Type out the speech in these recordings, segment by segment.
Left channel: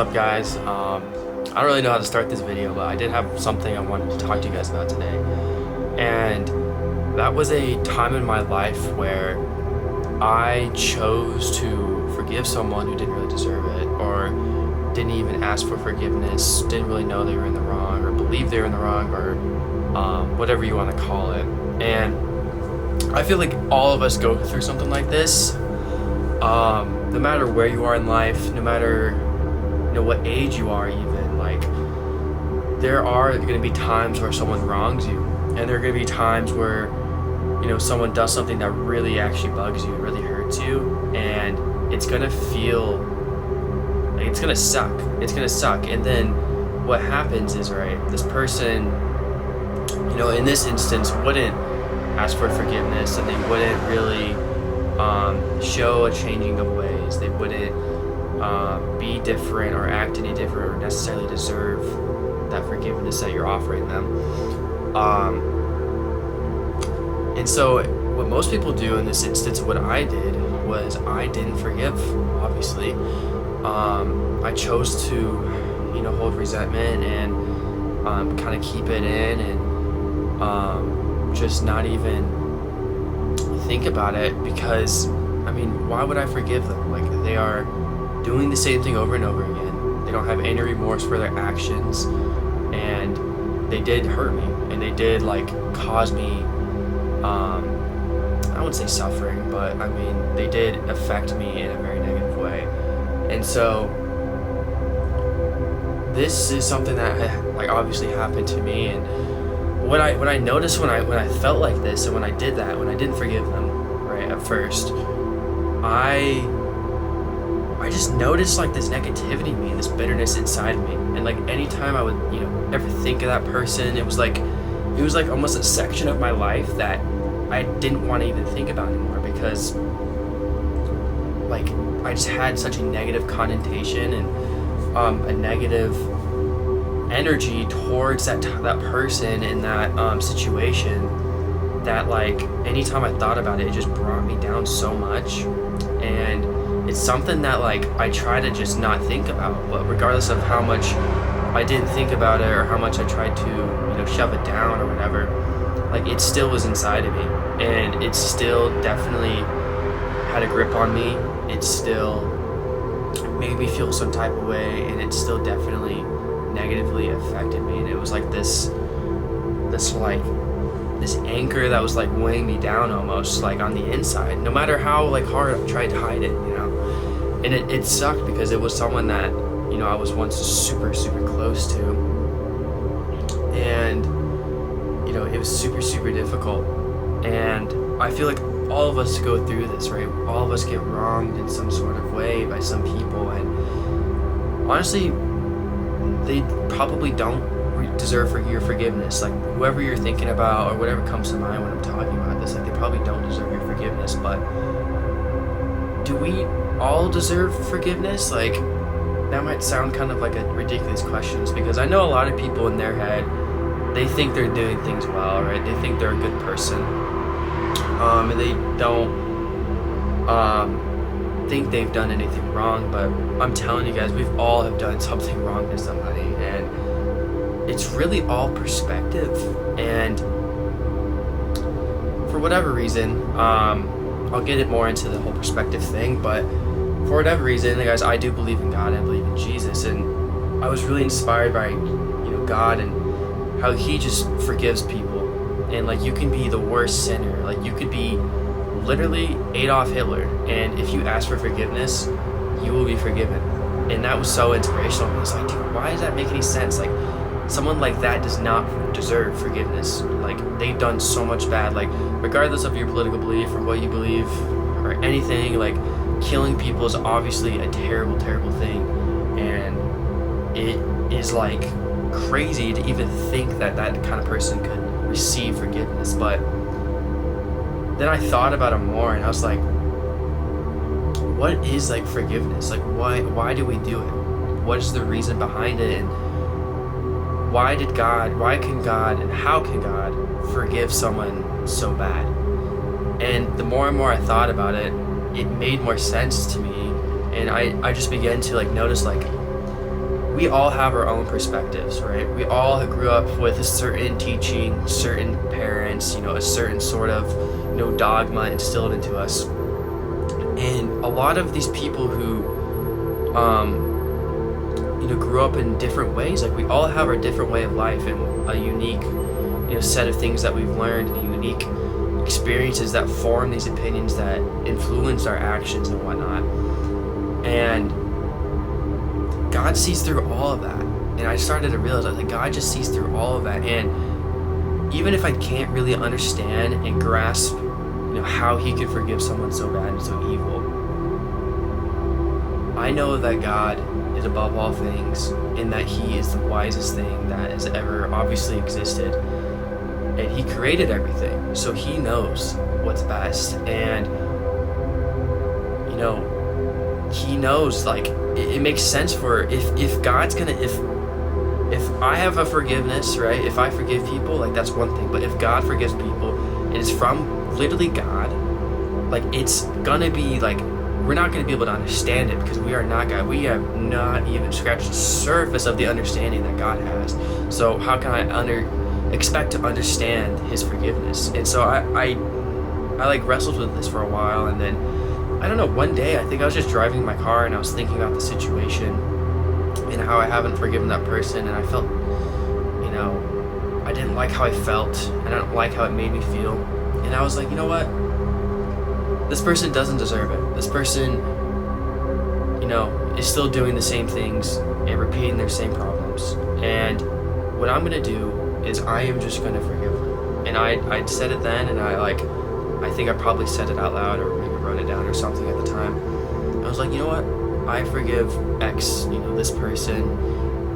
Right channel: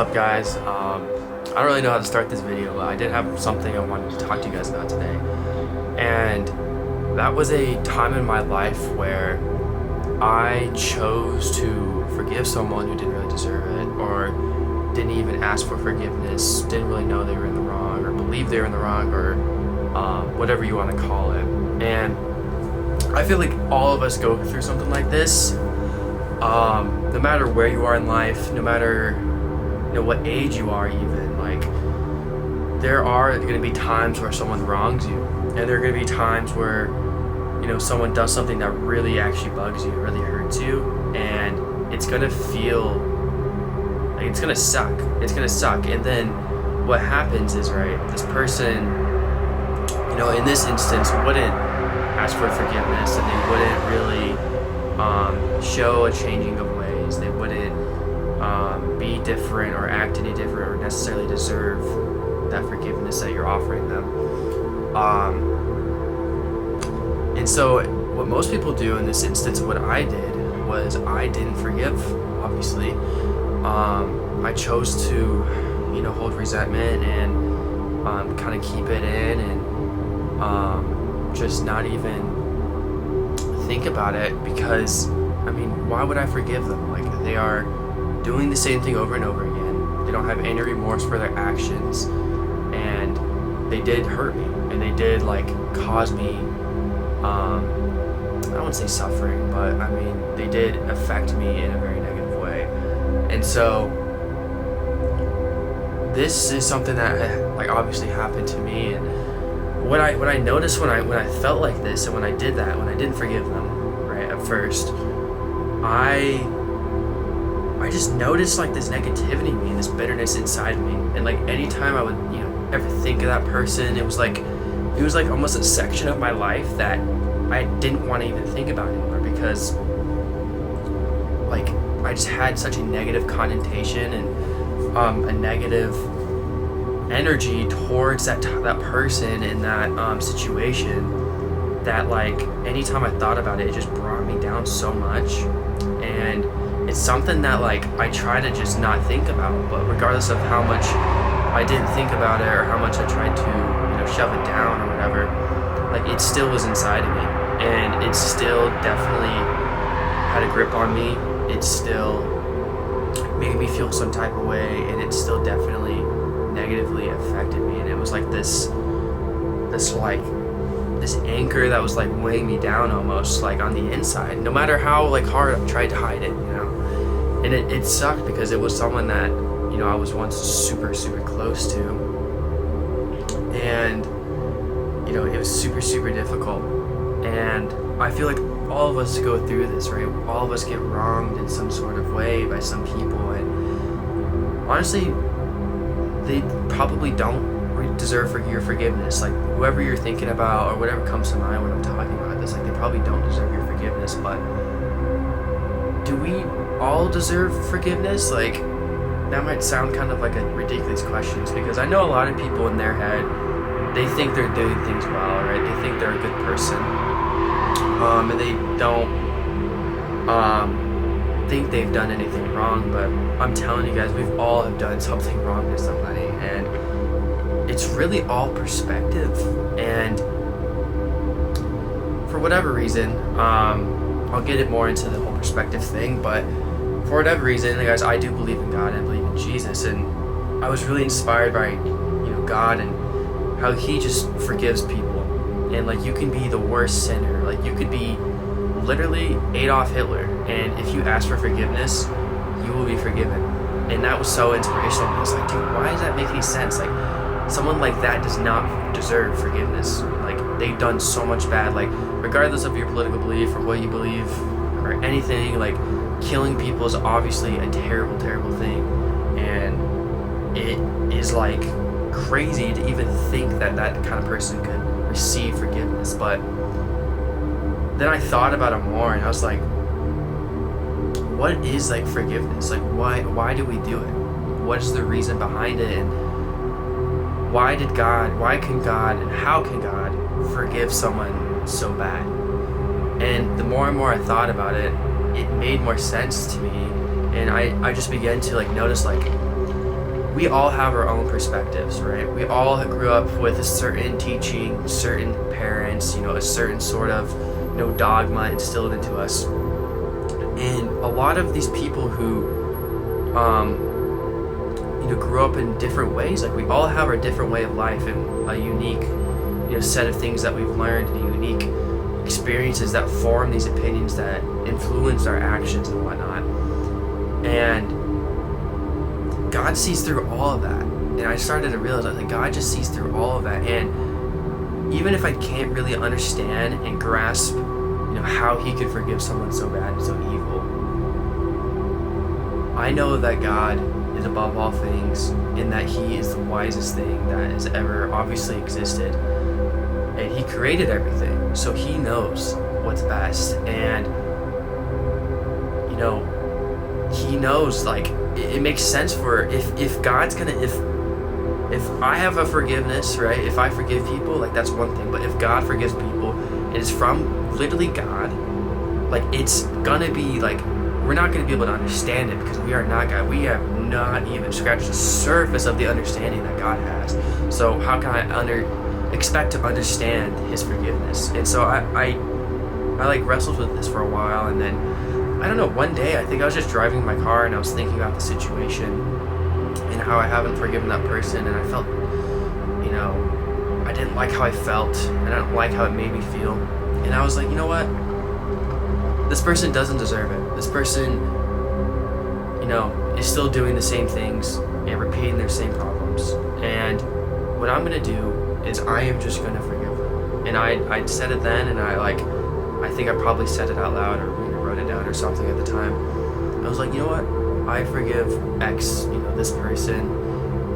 up, guys? I don't really know how to start this video, but I did have something I wanted to talk to you guys about today. And that was a time in my life where I chose to forgive someone who didn't really deserve it, or didn't even ask for forgiveness, didn't really know they were in the wrong, or believed they were in the wrong, or whatever you want to call it. And I feel like all of us go through something like this. No matter where you are in life, no matter what age you are, even, like, there are going to be times where someone wrongs you, and there are going to be times where someone does something that really actually bugs you, really hurts you, and it's going to feel like it's going to suck. And then what happens is, right, this person, in this instance, wouldn't ask for forgiveness, and they wouldn't really show a changing of ways. They wouldn't be different or act any different or necessarily deserve that forgiveness that you're offering them. And so what most people do in this instance, what I did was I didn't forgive, obviously. I chose to, hold resentment and kind of keep it in and just not even think about it, because why would I forgive them? Like, they are doing the same thing over and over again. They don't have any remorse for their actions, and they did hurt me, and they did cause me I wouldn't say suffering, but they did affect me in a very negative way. And so this is something that obviously happened to me. And what I noticed when I felt like this, and when I did that, when I didn't forgive them, right, at first, I just noticed this negativity in me and this bitterness inside of me. And anytime I would ever think of that person, it was like almost a section of my life that I didn't want to even think about anymore, because I just had such a negative connotation and a negative energy towards that person in that situation, that anytime I thought about it, it just brought me down so much. And it's something that I try to just not think about, but regardless of how much I didn't think about it or how much I tried to shove it down or whatever, it still was inside of me, and it still definitely had a grip on me. It still made me feel some type of way, and it still definitely negatively affected me. And it was this anchor that was weighing me down, almost on the inside, no matter how hard I tried to hide it, and it sucked, because it was someone that I was once super close to, and it was super difficult. And I feel like all of us go through this, right? All of us get wronged in some sort of way by some people, and honestly, they probably don't deserve your forgiveness. Whoever you're thinking about, or whatever comes to mind when I'm talking about this, they probably don't deserve your forgiveness. But do we all deserve forgiveness? That might sound kind of like a ridiculous question, because I know a lot of people in their head, they think they're doing things well, right? They think they're a good person, and they don't think they've done anything wrong. But I'm telling you guys, we've all have done something wrong to somebody, and it's really all perspective. And for whatever reason, I'll get it more into the whole perspective thing, but for whatever reason, guys, I do believe in God and I believe in Jesus, and I was really inspired by God and how he just forgives people. And you can be the worst sinner, you could be literally Adolf Hitler, and if you ask for forgiveness, you will be forgiven. And that was so inspirational. I was like, dude, why does that make any sense? Someone like that does not deserve forgiveness. They've done so much bad. Regardless of your political belief or what you believe or anything, killing people is obviously a terrible thing. And it is crazy to even think that kind of person could receive forgiveness. But then I thought about it more, and I was like, what is forgiveness? Why do we do it? What is the reason behind it? And why can God, and how can God forgive someone so bad? And the more and more I thought about it, it made more sense to me. And I just began to notice we all have our own perspectives, right? We all grew up with a certain teaching, certain parents, a certain sort of, dogma instilled into us. And a lot of these people who, grew up in different ways, like we all have our different way of life and a unique, set of things that we've learned and unique experiences that form these opinions that influence our actions and whatnot. And God sees through all of that. And I started to realize that God just sees through all of that. And even if I can't really understand and grasp, how he could forgive someone so bad and so evil, I know that God is above all things and that he is the wisest thing that has ever obviously existed. And he created everything, so he knows what's best. And he knows, it makes sense for if God's gonna, if I have a forgiveness, right, if I forgive people, that's one thing. But if God forgives people, it is from literally God. It's gonna be we're not gonna be able to understand it because we are not God. We have not even scratched the surface of the understanding that God has. So how can I expect to understand his forgiveness? And so I wrestled with this for a while, and then I don't know, one day I think I was just driving my car and I was thinking about the situation and how I haven't forgiven that person, and I felt, I didn't like how I felt, and I don't like how it made me feel. And I was like, you know what? This person doesn't deserve it. This person, is still doing the same things and repeating their same problems. And what I'm gonna do is I am just gonna forgive them. And I said it then, and I think I probably said it out loud or maybe wrote it down or something at the time. I was like, you know what? I forgive X, this person.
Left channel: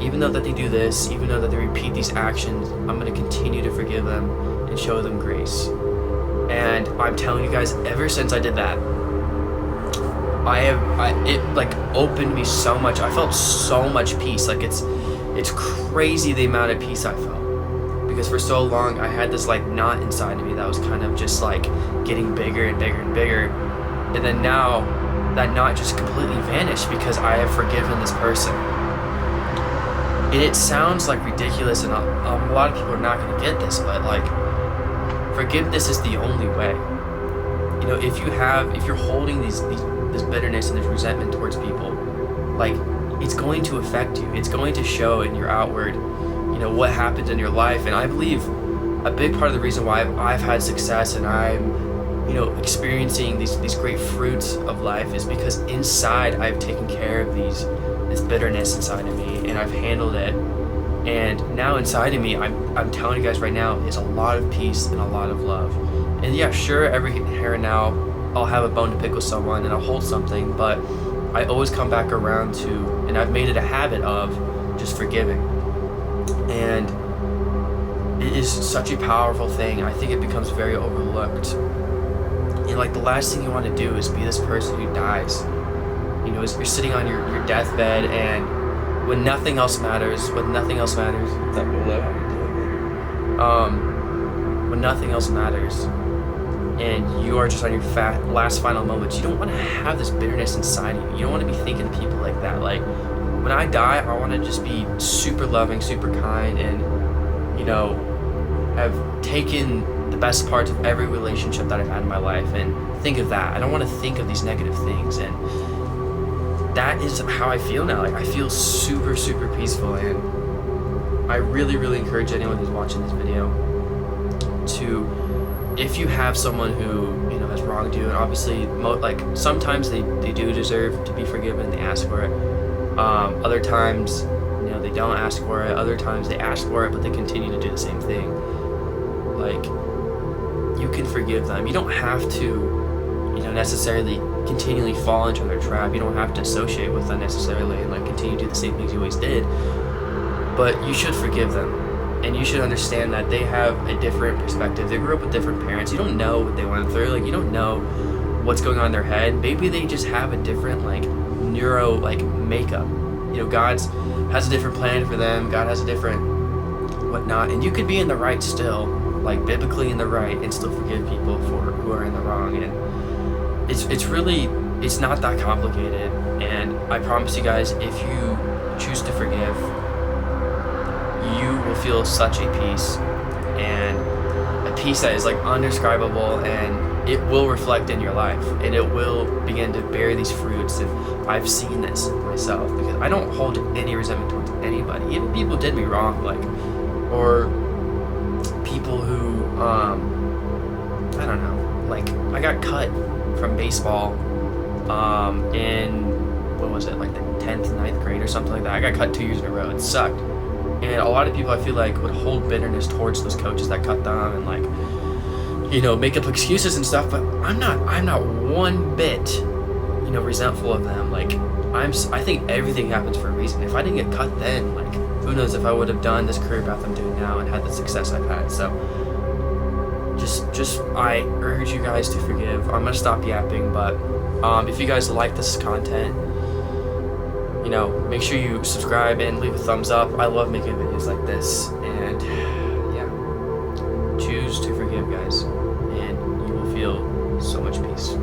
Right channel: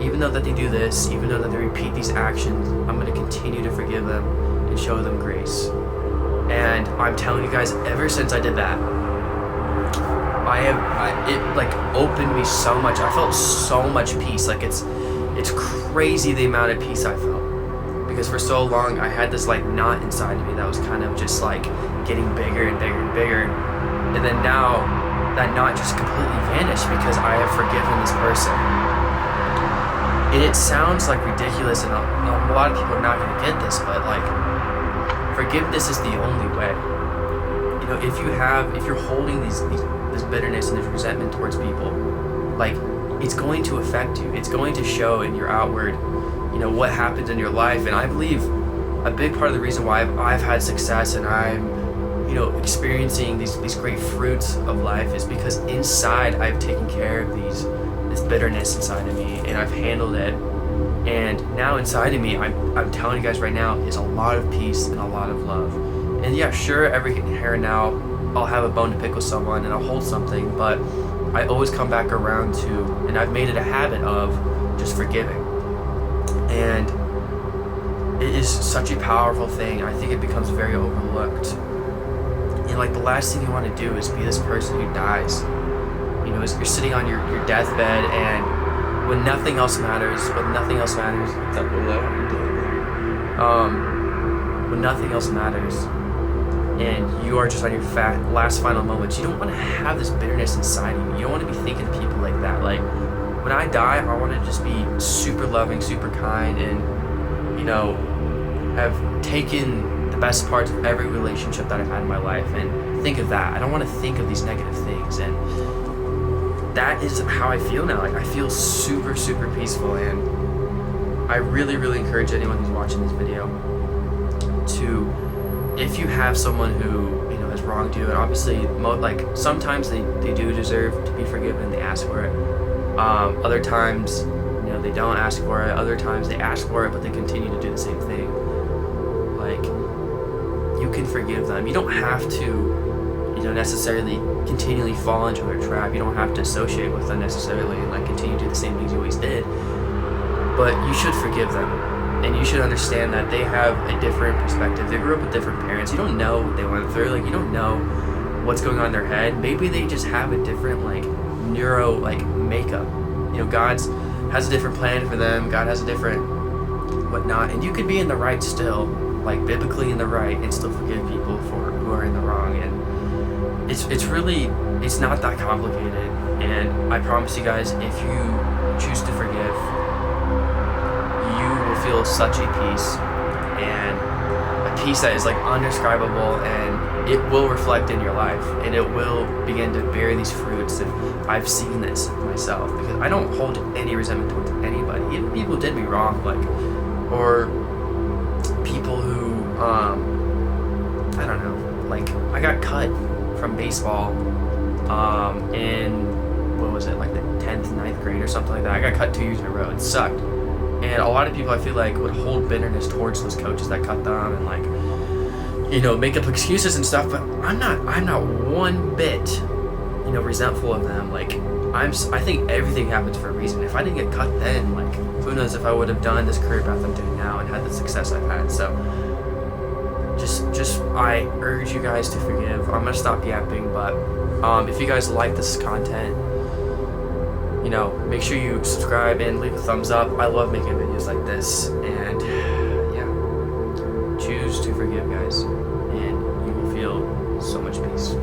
Even though that they do this, even though that they repeat these actions, I'm going to continue to forgive them and show them grace. And I'm telling you guys, ever since I did that, it opened me so much. I felt so much peace. It's crazy the amount of peace I felt. Because for so long I had this knot inside of me that was kind of just getting bigger and bigger and bigger. And then now that knot just completely vanished because I have forgiven this person. And it sounds ridiculous, and a lot of people are not going to get this, but forgiveness is the only way. If you're holding this bitterness and this resentment towards people, it's going to affect you. It's going to show in your outward, what happens in your life. And I believe a big part of the reason why I've had success and I'm, experiencing these great fruits of life is because inside I've taken care of this bitterness inside of me, and I've handled it. And now inside of me, I'm telling you guys right now, is a lot of peace and a lot of love. And yeah, sure, every here and now I'll have a bone to pick with someone and I'll hold something, but I always come back around to, and I've made it a habit of just forgiving. And it is such a powerful thing. I think it becomes very overlooked. And the last thing you want to do is be this person who dies. As you're sitting on your deathbed, and when nothing else matters, what's up, Willow? How you doing, baby? When nothing else matters, and you are just on your last final moments, you don't want to have this bitterness inside of you. You don't want to be thinking of people like that. When I die, I want to just be super loving, super kind, and have taken the best parts of every relationship that I've had in my life and think of that. I don't want to think of these negative things. And that is how I feel now. I feel super, super peaceful. And I really, really encourage anyone who's watching this video to, if you have someone who, has wronged you, and obviously, sometimes they do deserve to be forgiven, they ask for it. Other times, they don't ask for it. Other times they ask for it, but they continue to do the same thing. You can forgive them. You don't have to, necessarily continually fall into their trap. You don't have to associate with them necessarily and continue to do the same things you always did. But you should forgive them. And you should understand that they have a different perspective. They grew up with different parents. You don't know what they went through. You don't know what's going on in their head. Maybe they just have a different neuro makeup. God has a different plan for them. God has a different whatnot. And you could be in the right still, biblically in the right, and still forgive people who are in the wrong. And it's not that complicated. And I promise you guys, if you choose to forgive, you will feel such a peace, and a peace that is like undescribable, and it will reflect in your life, and it will begin to bear these fruits. And I've seen this myself, because I don't hold any resentment towards anybody, even people who did me wrong, like, or people who I don't know, like, I got cut from baseball in, what was it, like the 10th, 9th grade or something like that. I got cut 2 years in a row. It sucked. And a lot of people, I feel like, would hold bitterness towards those coaches that cut them, and, like, you know, make up excuses and stuff. But I'm not one bit, you know, resentful of them. Like, I think everything happens for a reason. If I didn't get cut then, like, who knows if I would have done this career path I'm doing now and had the success I've had. So just I urge you guys to forgive. I'm gonna stop yapping, but if you guys like this content, you know, make sure you subscribe and leave a thumbs up. I love making videos like this, and yeah, choose to forgive, guys, and you will feel so much peace.